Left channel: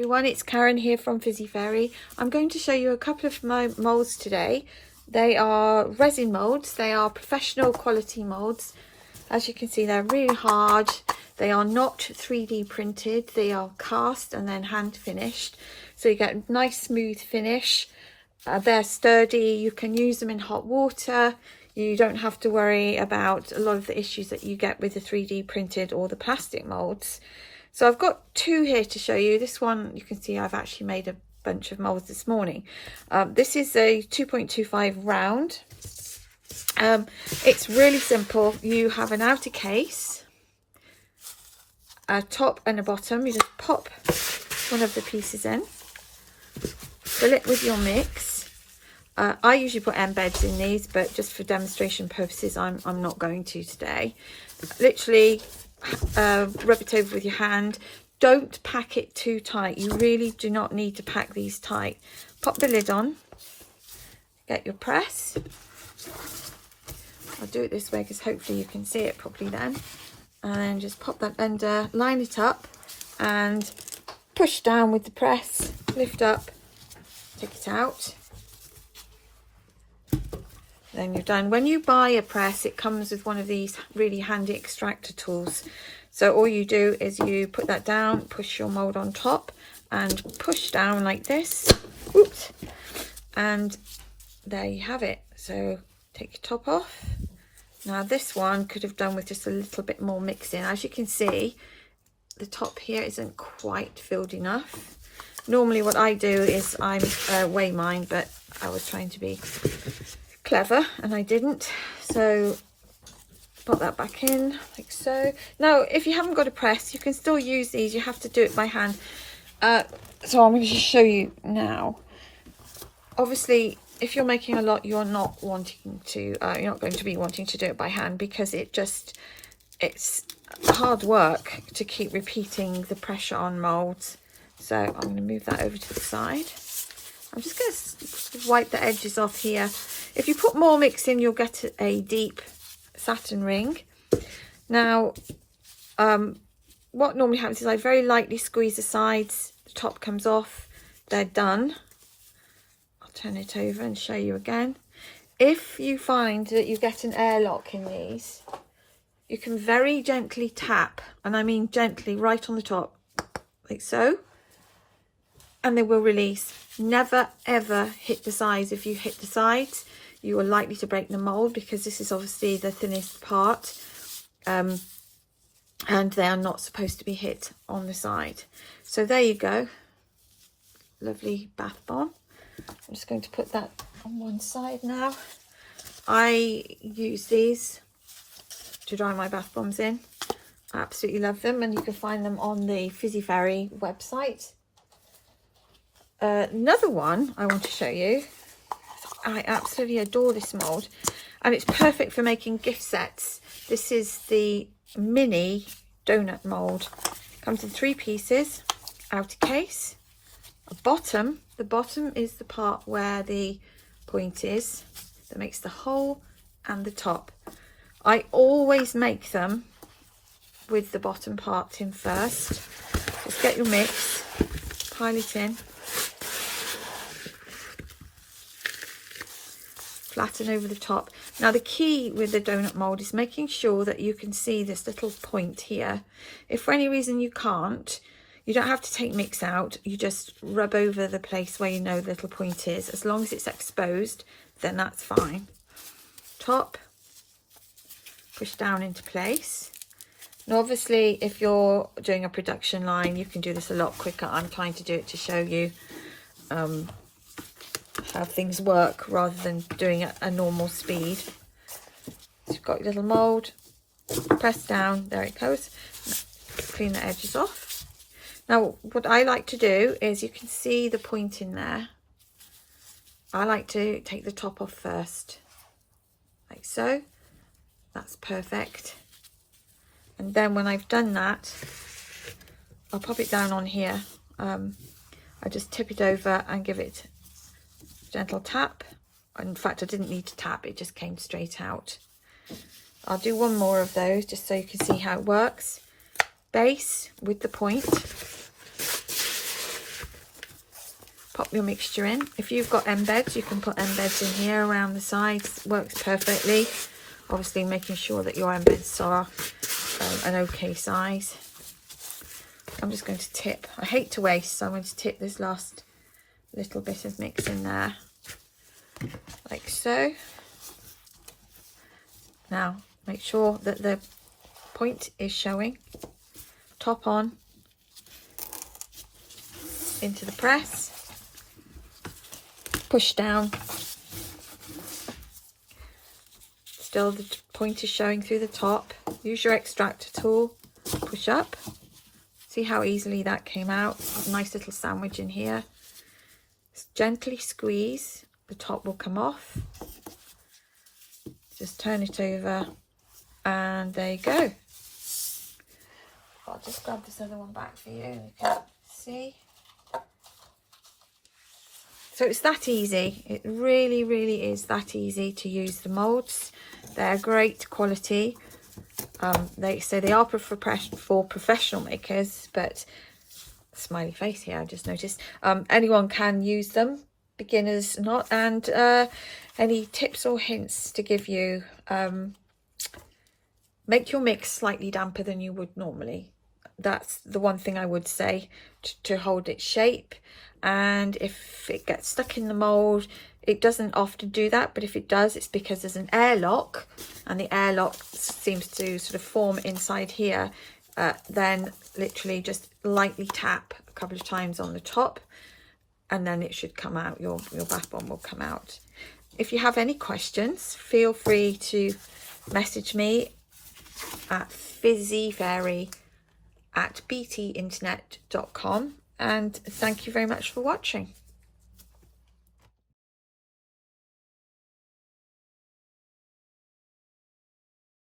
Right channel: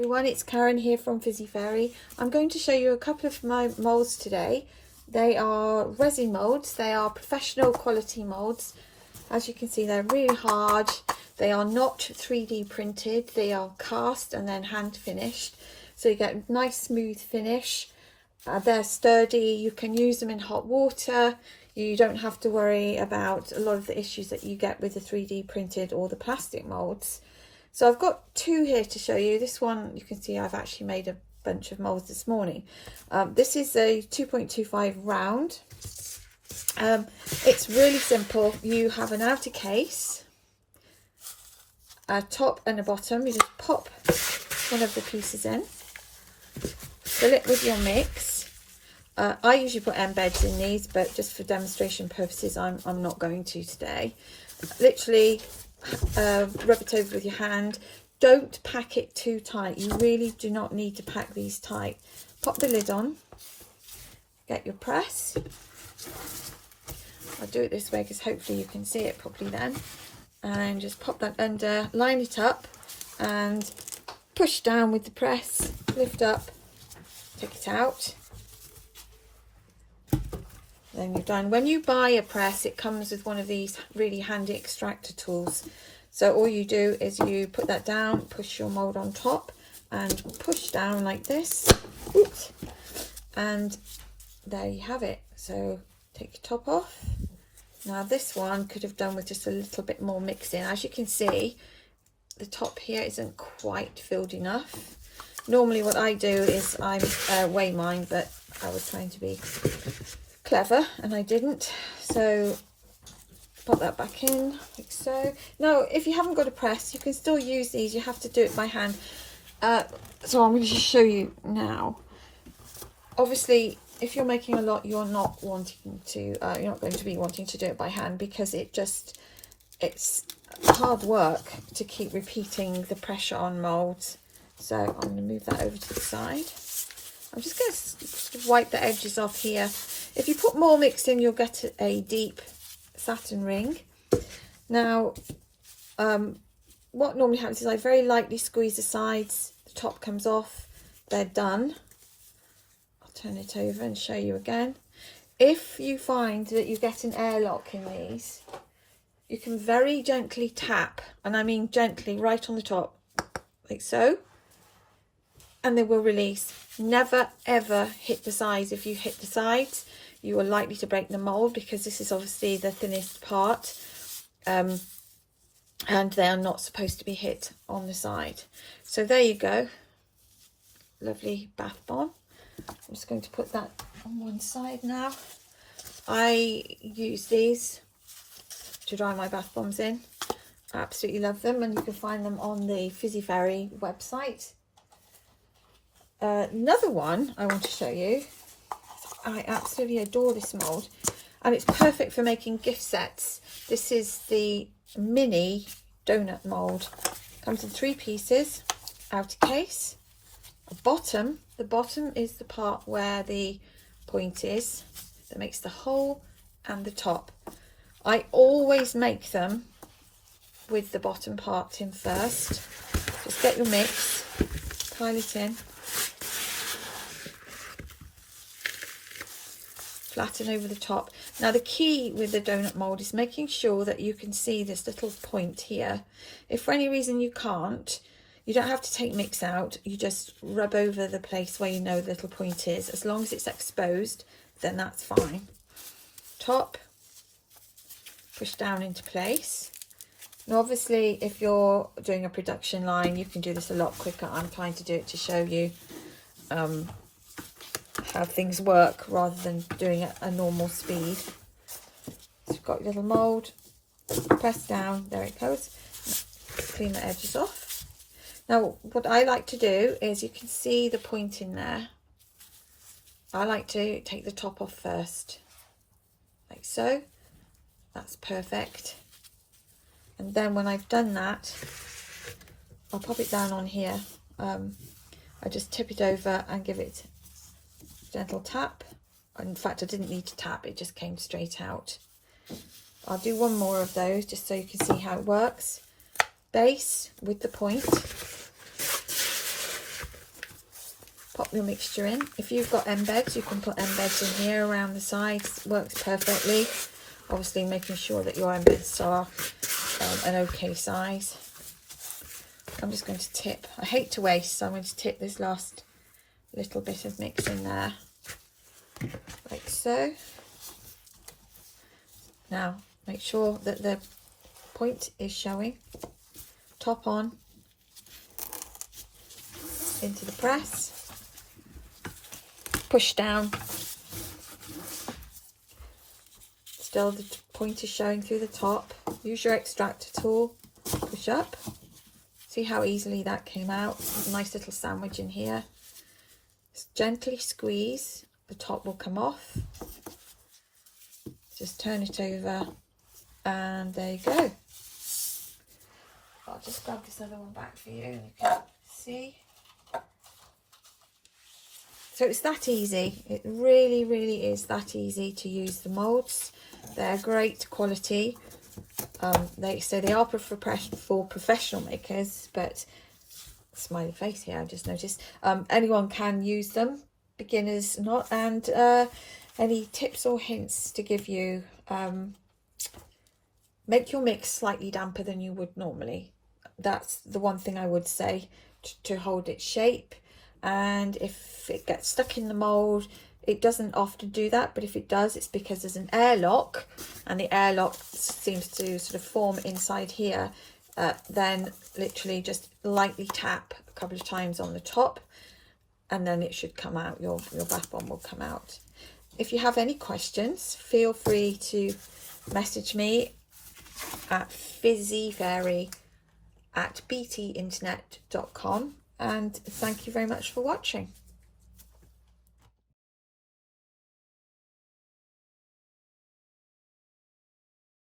everyone, it's Karen here from Fizzy Fairy. I'm going to show you a couple of moulds today. They are resin moulds. They are professional quality moulds. As you can see, they're really hard. They are not 3D printed. They are cast and then hand finished. So you get a nice smooth finish. They're sturdy. You can use them in hot water. You don't have to worry about a lot of the issues that you get with the 3D printed or the plastic moulds. So I've got two here to show you. This one, you can see I've actually made a bunch of moulds this morning. This is a 2.25 round. It's really simple. You have an outer case, a top and a bottom. You just pop one of the pieces in, fill it with your mix. I usually put embeds in these, but just for demonstration purposes, I'm not going to today. Literally rub it over with your hand. Don't pack it too tight. You really do not need to pack these tight. Pop the lid on, get your press. I'll do it this way because hopefully you can see it properly then. And just pop that under, line it up and push down with the press, lift up, take it out. Then you're done. When you buy a press, it comes with one of these really handy extractor tools. So all you do is you put that down, push your mould on top and push down like this. Oops. And there you have it. So take your top off. Now this one could have done with just a little bit more mixing. As you can see, the top here isn't quite filled enough. Normally what I do is I weigh mine, but I was trying to be clever and I didn't. So put that back in like so. Now if you haven't got a press, you can still use these. You have to do it by hand. So I'm going to just show you now. Obviously if you're making a lot, you're not wanting to you're not going to be wanting to do it by hand, because it's hard work to keep repeating the pressure on moulds. So I'm going to move that over to the side. I'm just going to wipe the edges off here. If you put more mix in, you'll get a deep satin ring. Now, what normally happens is I very lightly squeeze the sides. The top comes off. They're done. I'll turn it over and show you again. If you find that you get an airlock in these, you can very gently tap, and I mean gently, right on the top, like so. And they will release. Never ever hit the sides. If you hit the sides, you are likely to break the mould, because this is obviously the thinnest part, and they are not supposed to be hit on the side. So there you go, lovely bath bomb. I'm just going to put that on one side now. I use these to dry my bath bombs in. I absolutely love them, and you can find them on the Fizzy Fairy website. Another one I want to show you. I absolutely adore this mould, and it's perfect for making gift sets. This is the mini donut mould. Comes in 3 pieces, outer case, a bottom. The bottom is the part where the point is, that makes the hole, and the top. I always make them with the bottom part in first. Just get your mix, pile it in. Flatten over the top. Now the key with the donut mould is making sure that you can see this little point here. If for any reason you can't, you don't have to take mix out. You just rub over the place where you know the little point is. As long as it's exposed, then that's fine. Top, push down into place. Now obviously if you're doing a production line, you can do this a lot quicker. I'm trying to do it to show you how things work rather than doing it at a normal speed. So you've got your little mould, press down, there it goes. Clean the edges off. Now what I like to do is, you can see the point in there. I like to take the top off first, like so. That's perfect. And then when I've done that, I'll pop it down on here. I just tip it over and give it gentle tap. In fact, I didn't need to tap, it just came straight out. I'll do one more of those just so you can see how it works. Base with the point, pop your mixture in. If you've got embeds, you can put embeds in here around the sides. Works perfectly. Obviously making sure that your embeds are an okay size. I'm just going to tip. I hate to waste, so I'm going to tip this last little bit of mix in there, like so. Now make sure that the point is showing. Top on into the press, push down. Still the point is showing through the top. Use your extractor tool, push up. See how easily that came out. A nice little sandwich in here. Just gently squeeze, the top will come off. Just turn it over and there you go. I'll just grab this other one back for you. You can see. So it's that easy. It really, really is that easy to use the moulds. They're great quality. They are for professional makers, but smiley face here, I just noticed. Anyone can use them, beginners not. And any tips or hints to give you: make your mix slightly damper than you would normally. That's the one thing I would say, to hold its shape. And if it gets stuck in the mould, it doesn't often do that, but if it does, it's because there's an airlock, and the airlock seems to sort of form inside here. Then literally just lightly tap a couple of times on the top, and then it should come out. Your bath bomb will come out. If you have any questions, feel free to message me at fizzyfairy@btinternet.com, and thank you very much for watching.